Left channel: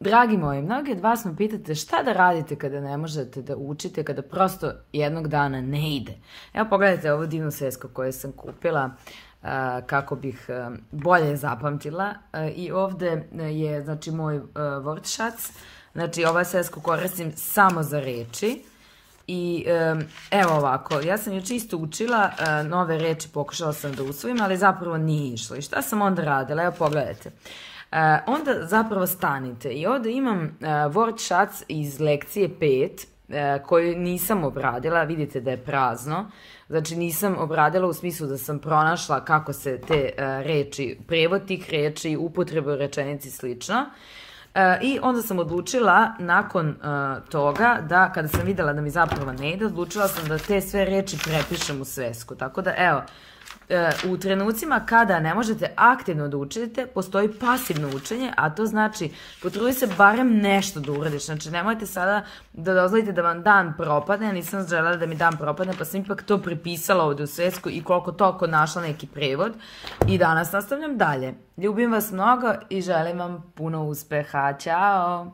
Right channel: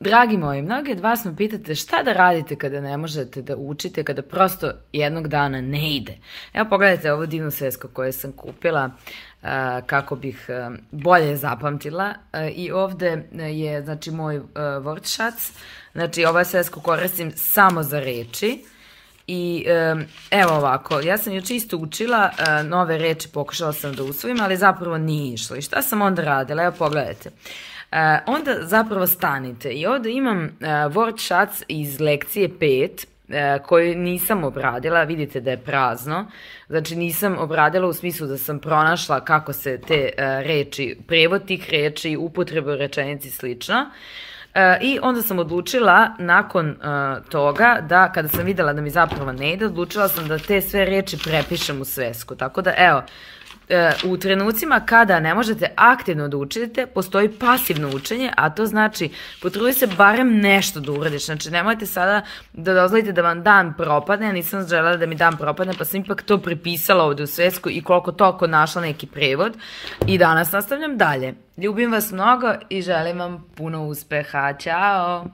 Dragi moji, mnogi od vas me pitate šta da radite kada ne možete da učite, kada prosto jednog dana ne ide. Evo pogledajte ovu divnu svesku koju sam kupila kako bih bolje zapamtila. I ovde je znači moj Wortschatz. Znači ova svesku koristim samo za reči. I evo ovako, ja sam juče isto učila nove reči, pokušala sam da usvojim, ali zapravo nije išlo. I šta sam onda radila? Evo pogledajte. Onda zapravo stanite i ovde imam Wortschatz iz lekcije 5 koju nisam obradila, vidite da je prazno, znači nisam obradila u smislu da sam pronašla kako se te reči, prevod tih reči, upotrebe u rečenici slično. I onda sam odlučila nakon toga da kada sam videla da mi zapravo ne ide, odlučila sam da te sve reči prepišem u svesku. Tako da evo, u trenucima kada ne možete aktivno da učite, postoji pasivno učenje, a to znači potrudi se barem nešto da uradiš. Znači nemojte sada da dozvolite da vam dan propadne, ja nisam želela da mi dan propadne, pa sam ipak to prepisala ovde u svesku i koliko toliko našla neki prevod. I danas nastavljam dalje. Ljubim vas mnogo i želim vam puno uspeha. Ćao!